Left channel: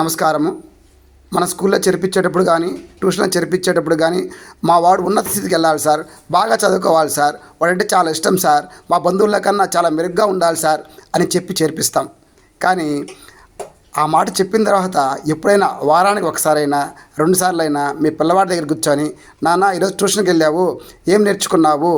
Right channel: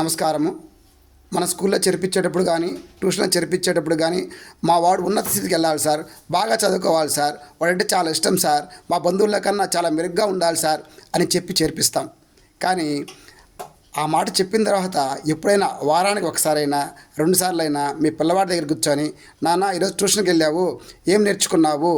నమస్కారము. మన స్కూల్లో చేర్పించేటప్పుడు కానీ ట్యూషన్లో చేర్పించేటప్పుడు కానీ మా వాడు ఉన్నత స్థితికి వెళ్ళాలి సార్, బాగా చదువుకోవాలి సార్, వాడంటే చాలా ఇష్టం సార్, మా బంధువుల కన్నా చాలా మెరుగ్గా ఉండాలి సార్ అని చెప్పి చేర్పిస్తాం. కానీ ఆ మాట చెప్పిన తర్వాత ఎప్పుడైనా వారానికి ఒకసారైనా 2 సార్లైనా మీ పిల్లవాడి దగ్గర కూర్చొని, నాన్న ఈరోజు ట్యూషన్కి వెళ్ళావు, ఏం నేర్చుకున్నావు,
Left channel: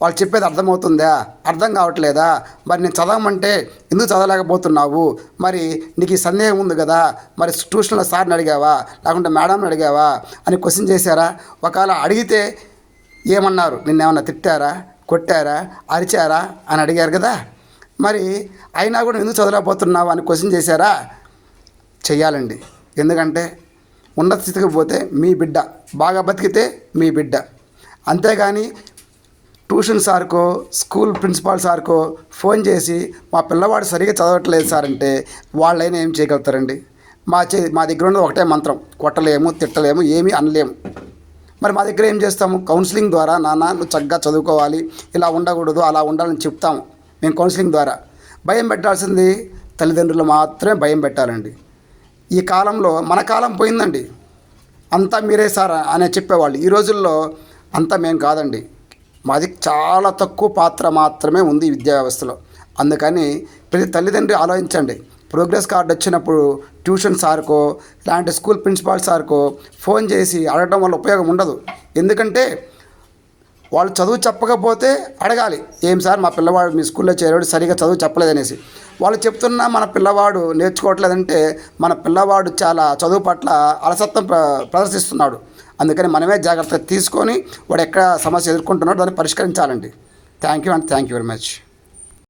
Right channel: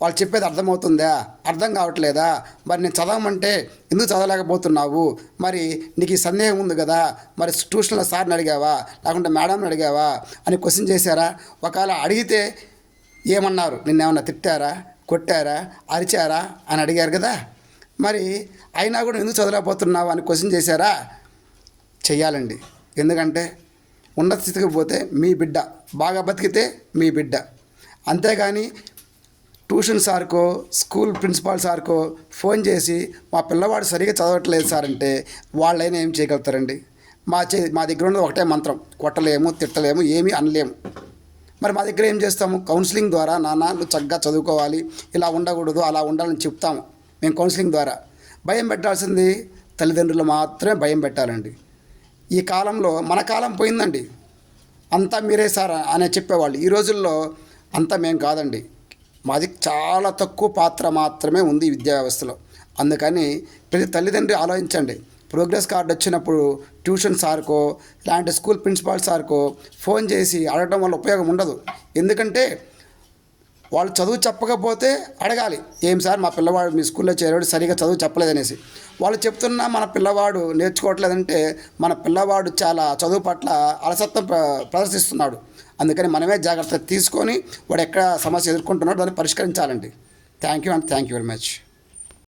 వాళ్ళు చెప్పేది అర్థమవుతుందా, అర్థం కావట్లేదా, మరి నేను చదవమంటే ఎందుకు చదవలేకపోతున్నావు, మరి నీకు ఈ సందేహం ఉంది కదా, మరి ట్యూషన్లో సార్ని అడిగావా లేకుంటే మేడంని అడిగావా అని క్వశ్చన్ చేశారా? ఒకవేళ అడిగితే ఏమన్నారు, నిన్నేమన్నా తిట్టారా, కొట్టారా, అరిచారా అని అడిగారు కదా. మరి అయినా కూడా ఎందుకు చదవలేకపోతున్నావు అని క్వశ్చన్ చేశారా? చెయ్యాలండి. ఎందుకంటే ఉన్నత స్థితికి పోతే మీ బిడ్డ, బాగా బతికితే మీ బిడ్డ. అంతేగాని ట్యూషన్ సార్కో స్కూల్ ప్రిన్సిపాల్ సార్కో ఫోన్ చేసి మా పిల్లవాడు సరిగా చదవట్లేదు సార్ అంటే వాళ్ళైనా ఏం చేయగలుగుతారండి? మా దగ్గర ఉన్న ఒకటే మంత్రం, కొట్టలేము, తిట్టలేము, ఏమీ అనలేము. మరి మా దగ్గర ఏం చేస్తాము? కౌన్సిలింగ్ ద్వారా, నాన్న నువ్వు చక్కగా చదువుకోవాలి, ఇలా ఉండకూడదు, అలా ఉండాలని చెప్తాము మేము కౌన్సిలింగ్ ద్వారా. భయం పెట్టాల్సింది తల్లిదండ్రులు మాత్రమే భయం పెట్టాలండి. ఈ కాలంలో మన కాలం పోయిందండి. అంతా మీరే సార్ అనే చెప్పేవాళ్ళు. ఈ రోజుల్లో అంతా మేము కాదండి. మాది చాలా తక్కువ పాత్ర మాత్రమే ఉంది విద్యా వ్యవస్థలో. అందుకని ప్రతి తల్లిదండ్రి ఆలోచించండి. ప్రోగ్రెస్ కార్డు వచ్చినప్పుడు ట్యూషన్ సార్కో ఇలాంటి స్కూల్ ప్రిన్సిపాల్ సార్కో ఫోన్ చేసి అడగడం వల్ల ఉపయోగం ఉండదు. ఎందుకంటే వాళ్ళు చదువు చెప్పకపోతే అడగాలి, ఏం సార్ మా పిల్లవాడు మీ స్కూల్లో చేరాడు సరిగా చదువు చెప్పలేదనేసి. వాళ్ళు చెప్తున్నా మన పిల్లవాడు నేర్చుకోవట్లేదంటే మన పిల్లవాడు చాలా చదువు పట్ల అలసత్వం ప్రదర్శిస్తున్నాడు. అందుకని మనమే జాగ్రత్తగా తీసుకొని వాడు ఎక్కడ సమస్య ఎదుర్కొంటున్నాడో దాన్ని పరిష్కరించాలండి. Thank you very much.